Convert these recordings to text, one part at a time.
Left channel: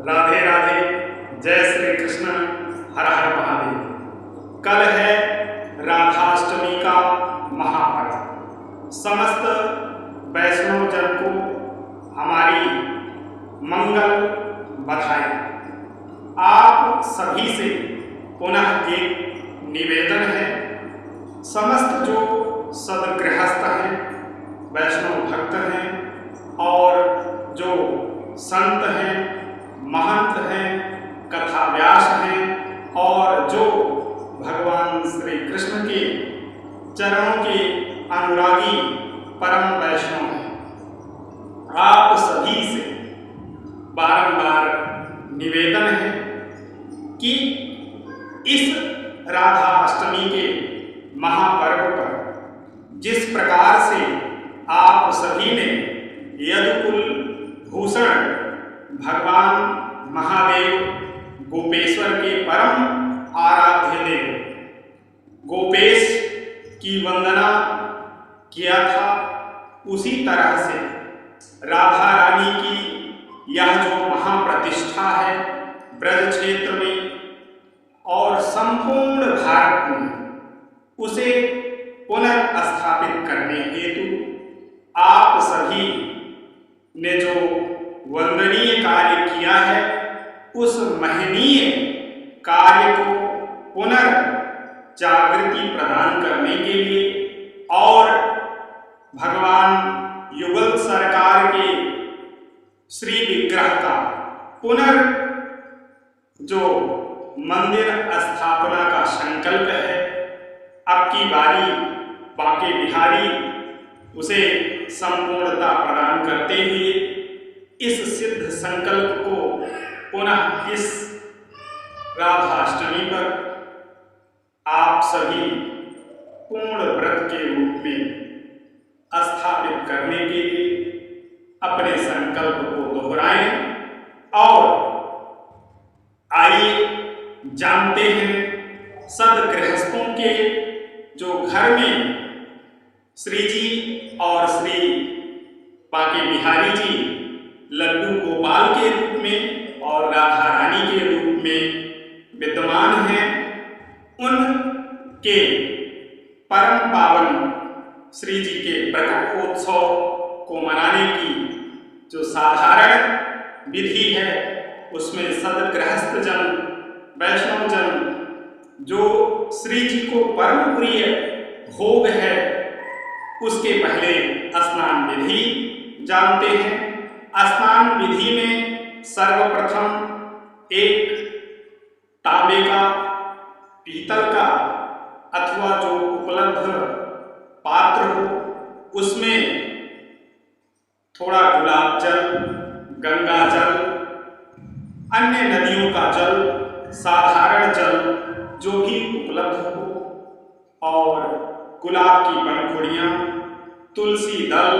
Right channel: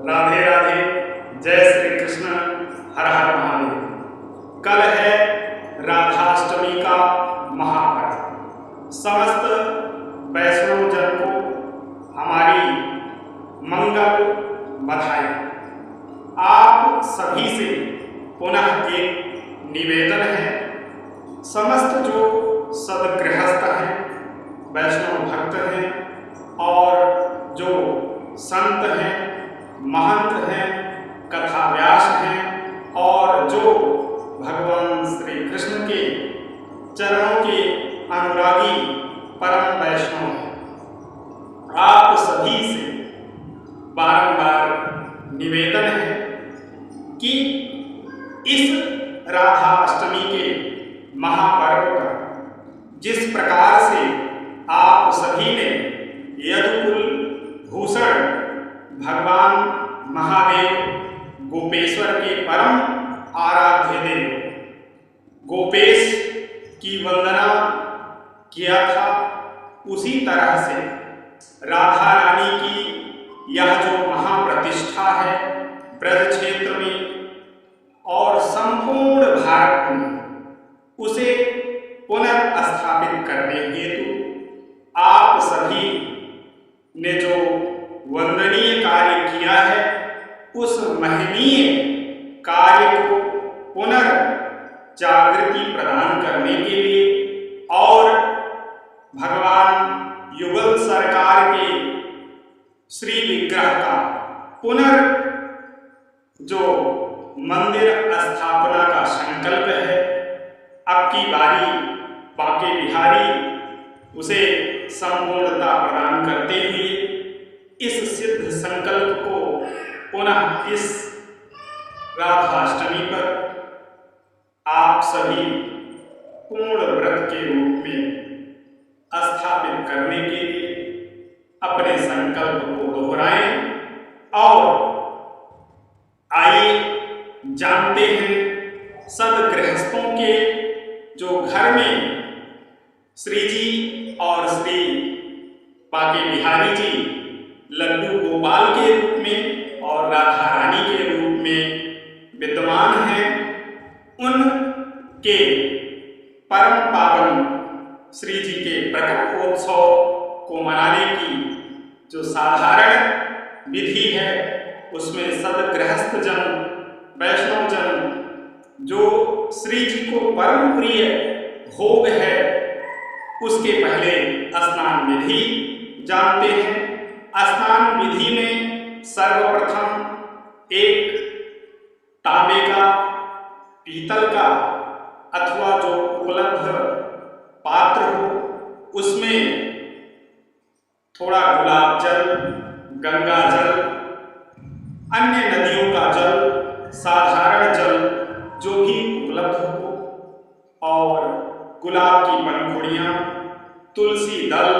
राधे राधे, जय श्री कृष्ण, हर हर महादेव। कल है राधाष्टमी का महापर्व। समस्त वैष्णव जन को हमारी मंगल बधाई। आप सभी से पुनः एक निवेदन है, समस्त जो सदगृहस्थ हैं, वैष्णव भक्त हैं और जो संत हैं, महंत हैं, कथाव्यास हैं और जो भगवान श्री कृष्ण के चरणों के अनुरागी परम वैष्णव हैं, आप सभी से बारंबार निवेदन है कि इस राधा अष्टमी के महापर्व पर जिस प्रकार से आप सभी ने यदुकुल भूषण भगवान महादेव गोपेश्वर के परम आराध्य देव गोपेश की वंदना किया था, उसी तरह से राधा रानी की यह जो महाप्रतिष्ठा है ब्रज क्षेत्र में और संपूर्ण भारत में, उसे पुनर्स्थापित करने हेतु आप सभी ने जो वंदनीय कार्य किया है, उस महनीय कार्य को पुनर्जागृति प्रदान करने के लिए और भगवान युगल सरकार के श्री विग्रह का जो मंदिर स्थापना का संकल्प है, अब की बारी बांके बिहारी उसे संपूर्णता प्रदान करते हुए इस सिद्ध संकल्प को पुनः इस राधाष्टमी पर आप सभी पूर्ण व्रत के रूप में स्थापित करने के लिए अपने संकल्प को दोहराएं और आइए जानते हैं सदगृहस्थों के जो घर में श्री जी और श्री बांके बिहारी जी लड्डू गोपाल के रूप में और राधा रानी के रूप में विद्यमान हैं, उनके परम पावन श्री जी के प्रकटोत्सव को मनाने की जो साधारण विधि है, उसमें सदगृहस्थ जन, वैष्णव जन जो श्री जी को परम प्रिय भोग है, उसके पहले स्नान विधि जानते हैं। स्नान विधि में सर्वप्रथम एक तांबे का, पीतल का अथवा जो उपलब्ध पात्र हो, उसमें थोड़ा गुलाब जल, गंगा जल, अन्य नदियों का जल, साधारण जल जो भी उपलब्ध हो और गुलाब की पंखुड़ियाँ, तुलसी दल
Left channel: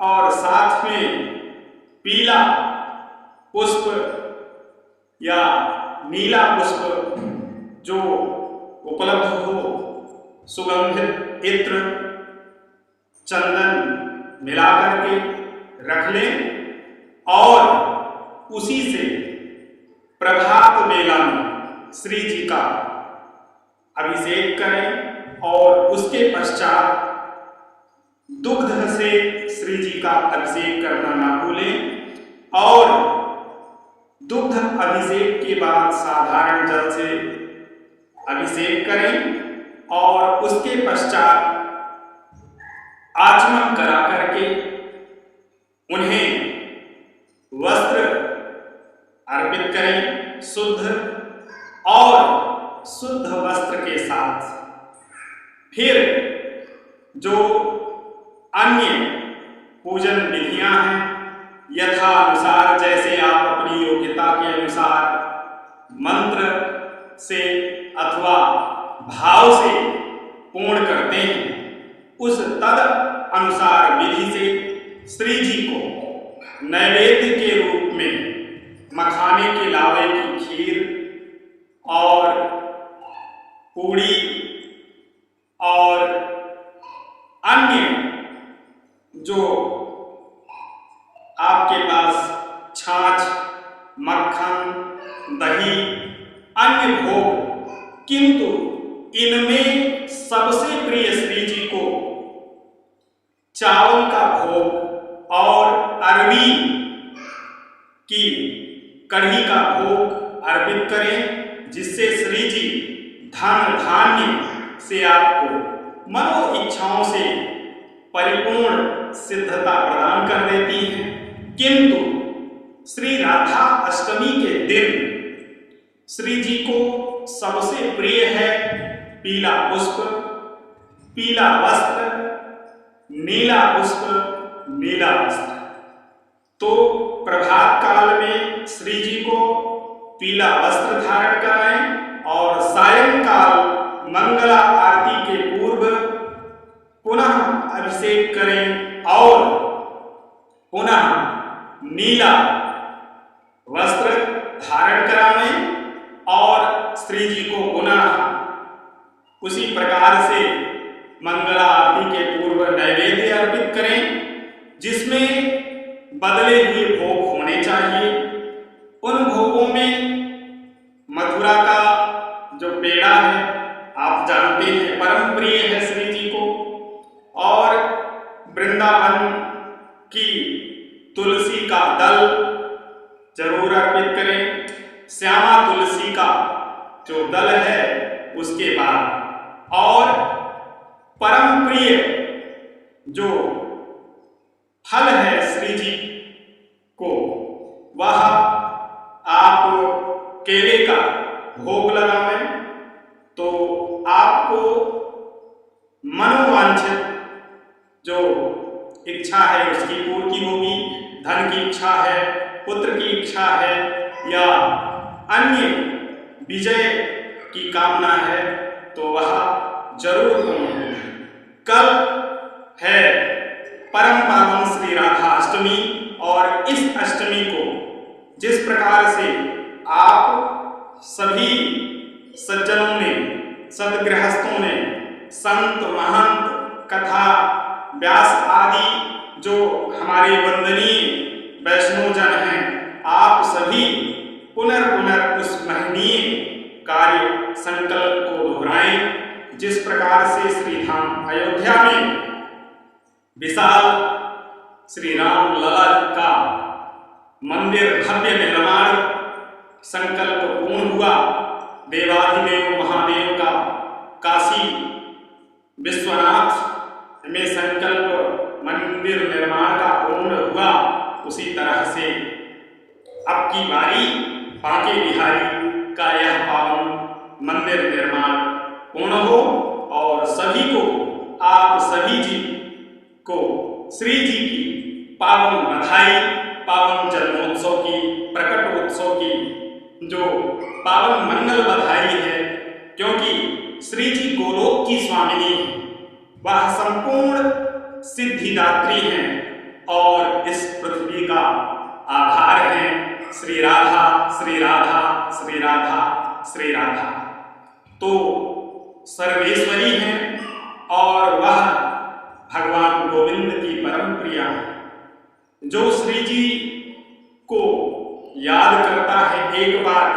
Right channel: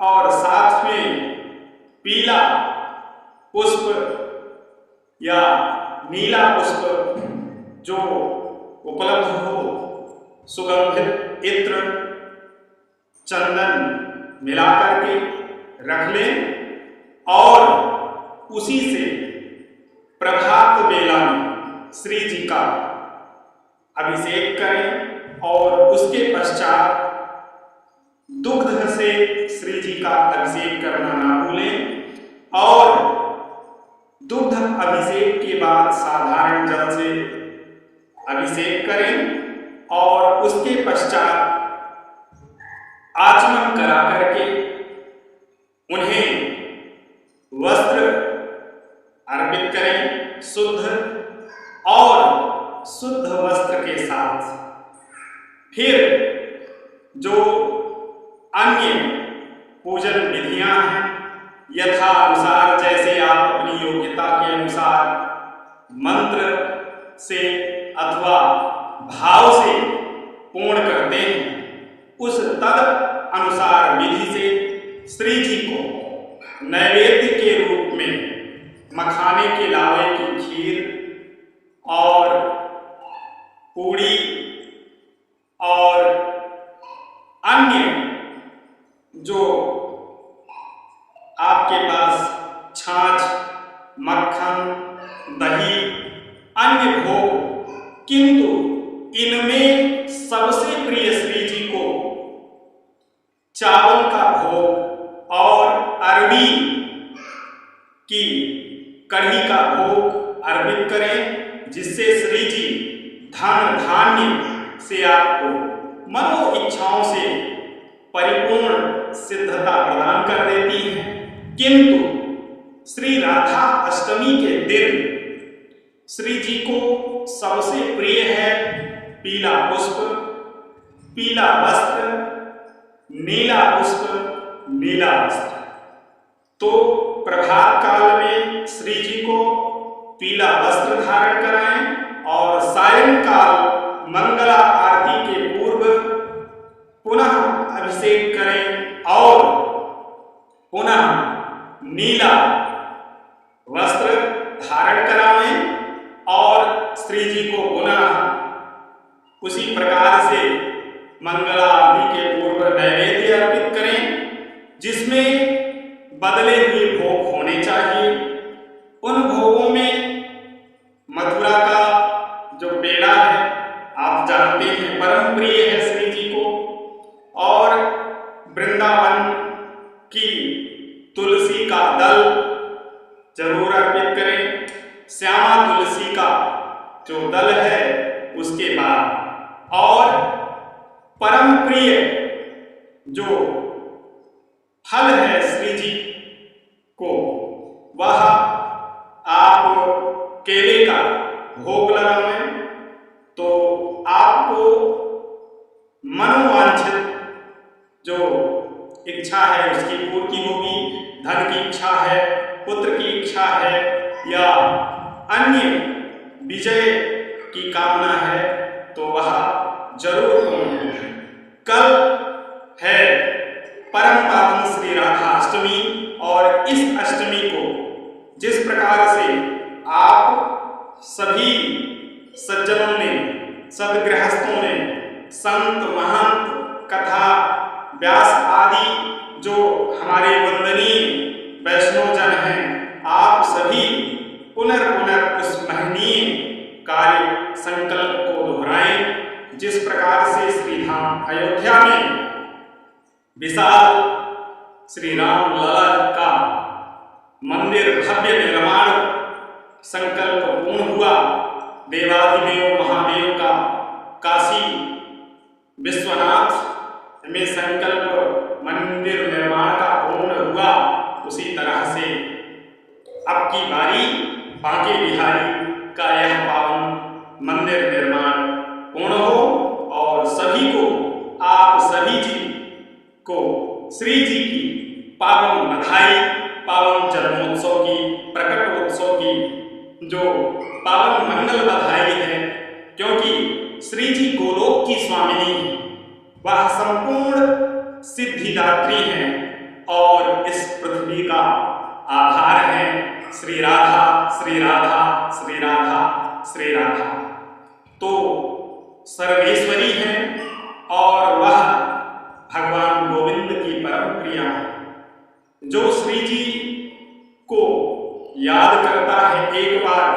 और साथ में पीला पुष्प या नीला पुष्प जो उपलब्ध हो, सुगंधित इत्र, चंदन मिलाकर के रख लें और उसी से प्रभात बेला में श्री जी का अभिषेक करें और उसके पश्चात दुग्ध से श्री जी का अभिषेक करना ना भूलें और दुग्ध अभिषेक के बाद साधारण जल से अभिषेक करें और उसके पश्चात आचमन करा करके उन्हें वस्त्र अर्पित करें शुद्ध और शुद्ध वस्त्र के साथ। फिर जो अन्य पूजन विधियां हैं, यथानुसार जैसे आप अपनी योग्यता के अनुसार मंत्र से अथवा भाव से पूर्ण करते हैं, उस तद अनुसार विधि से श्री जी को नैवेद्य के रूप में मखाने के लावे की खीर और पूड़ी और अन्य जो आपके पास छाछ मक्खन, दही, अन्य भोग, किंतु इनमें सबसे प्रिय श्री जी को चावल का भोग और अरबी की कढ़ी का भोग अर्पित करें, जिससे श्री जी धन धान्य से आपको मनो इच्छाओं से परिपूर्ण सिद्धता प्रदान कर देती हैं। किंतु श्री राधा अष्टमी के दिन श्री जी को सबसे प्रिय है पीला पुष्प, पीला वस्त्र, नीला पुष्प, नीला वस्त्र। तो प्रभात काल में श्री जी को पीला वस्त्र धारण कराएं और सायंकाल मंगला आरती के पूर्व पुनः अभिषेक करें और पुनः नीला वस्त्र धारण करावें और श्री जी को पुनः उसी प्रकार से मंगला आरती के पूर्व नैवेद्य अर्पित करें, जिसमें बदले हुए भोग होने चाहिए। उन भोगों में मथुरा का जो पेड़ा है, आप जानते हैं परम प्रिय है श्री जी को, और वृंदावन की तुलसी का दल जरूर अर्पित करें। श्यामा तुलसी का जो दल है उसके बाद, और परम प्रिय जो फल है श्री जी को, वह आप केले का भोग लगावें तो आपको मनोवांछित जो इच्छा है उसकी पूर्ति होगी। धन की इच्छा है, पुत्र की इच्छा है, या अन्य विजय की कामना है तो वह जरूर पूर्ण होगी। कल है परम पावन श्री राधा अष्टमी, और इस अष्टमी को जिस प्रकार से आप सभी सज्जनों ने, सदगृहस्थों ने, संत महंत, कथा व्यास आदि जो हमारे वंदनीय वैष्णव जन हैं, आप सभी पुनर्पुनः उस महनीय कार्य संकल्प को दोहराएं। जिस प्रकार से श्री धाम अयोध्या में विशाल श्री राम लला का मंदिर भव्य निर्माण संकल्प पूर्ण हुआ, देवाधिदेव महादेव का काशी विश्वनाथ में संकल्प मंदिर निर्माण का पूर्ण हुआ, उसी तरह से अब की बारी बांके बिहारी का यह पावन मंदिर निर्माण पूर्ण हो, और सभी को, आप सभी जी को श्री जी की पावन बधाई, पावन जन्मोत्सव की, प्रकटोत्सव की जो पावन मंगल बधाई है, क्योंकि श्री जी गोलोक की स्वामिनी है, वह संपूर्ण सिद्धिदात्री हैं और इस पृथ्वी का आधार है श्री राधा, श्री राधा, श्री राधा, श्री राधा। तो सर्वेश्वरी हैं और वह भगवान गोविंद की परम प्रिया है। जो श्री जी को याद करता है एक बार,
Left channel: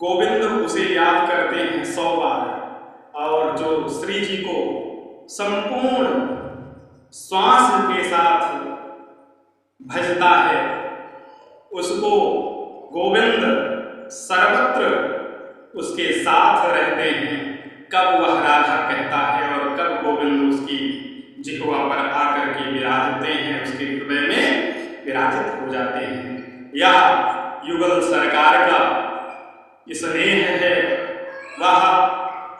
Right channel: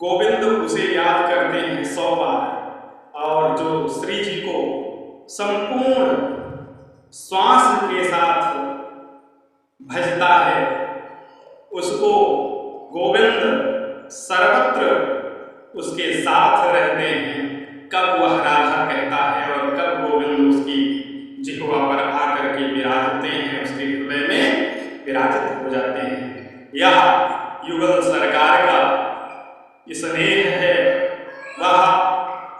गोविंद उसे याद करते हैं 100 बार, और जो श्री जी को संपूर्ण श्वास के साथ भजता है, उसको गोविंद सर्वत्र उसके साथ रहते हैं। कब वह राधा कहता है और कब गोविंद उसकी जिह्वा पर आकर के विराजते हैं, उसके हृदय में विराजित हो जाते हैं। यह युगल सरकार का स्नेह है, वह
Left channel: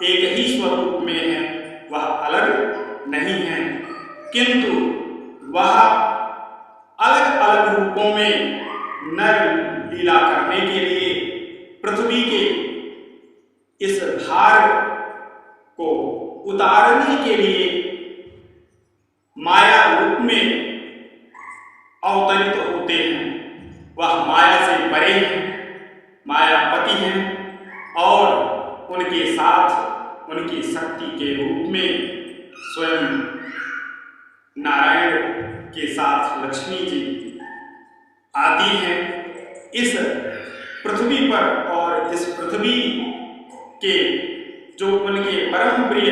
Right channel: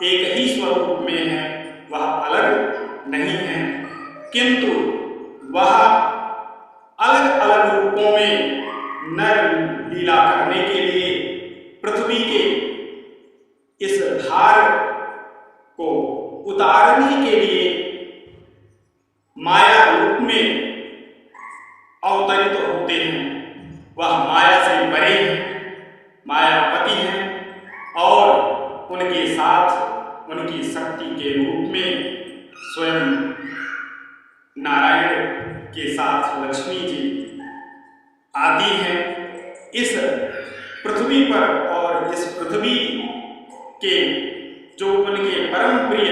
एक ही स्वरूप में है, वह अलग नहीं है, किंतु वह अलग अलग रूपों में नर लीला करने के लिए पृथ्वी के इस भार को उतारने के लिए माया रूप में अवतरित होते हैं। वह माया से परे हैं, मायापति हैं, और उनके साथ उनकी शक्ति के रूप में स्वयं नारायण के साथ लक्ष्मी जी आती हैं। इस पृथ्वी पर और इस पृथ्वी के जो उनके परम प्रिय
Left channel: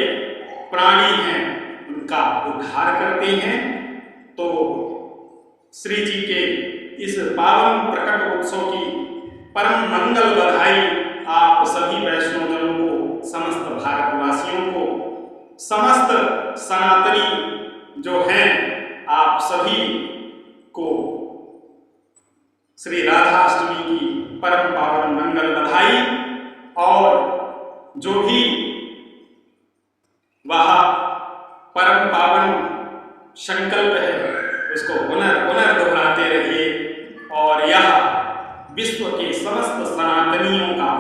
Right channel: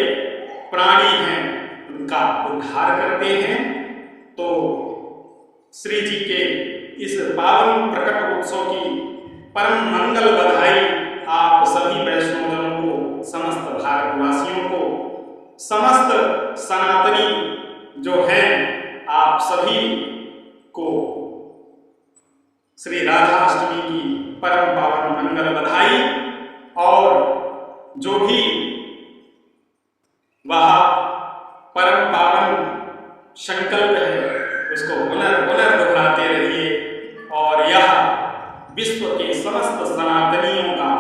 प्राणी हैं उनका उद्धार करते हैं। तो श्री जी के इस पावन प्रकट उत्सव की परम मंगल बधाई आप सभी वैष्णवजनों को, समस्त भारतवासियों को, समस्त सनातनी जो हैं आप सभी को श्री राधाष्टमी की परम पावन मंगल बधाई। और जो भी वह परम पावन संकल्प है उसको पुनर् दोहराते रहिए और यह विश्व के समस्त सनातनियों का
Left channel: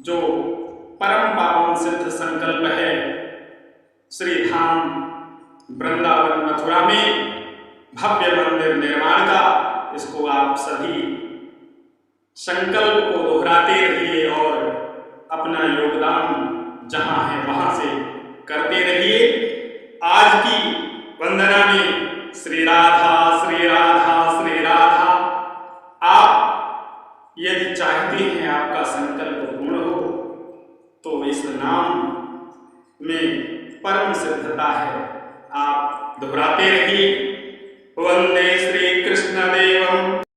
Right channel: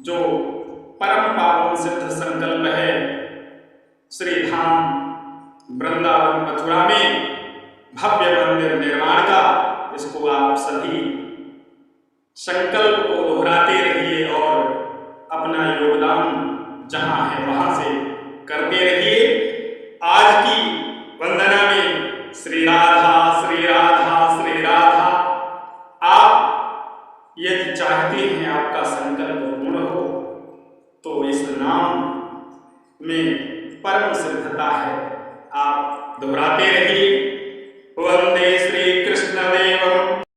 जो परम पावन सिद्ध संकल्प है श्री धाम वृंदावन मथुरा में भव्य मंदिर निर्माण का, इसको आप सभी संकल्प को दोहराते रहिए और अपना योगदान जहां है वहां से करते रहिए। आज की वंदना में श्री राधा श्री राधा श्री राधा। आप यदि चाहते हैं आपका संकल्प पूर्ण हो तो इस नाम में परम सिद्धता है, आप दोहराते रहिए। वंदे श्री कृष्ण देवम।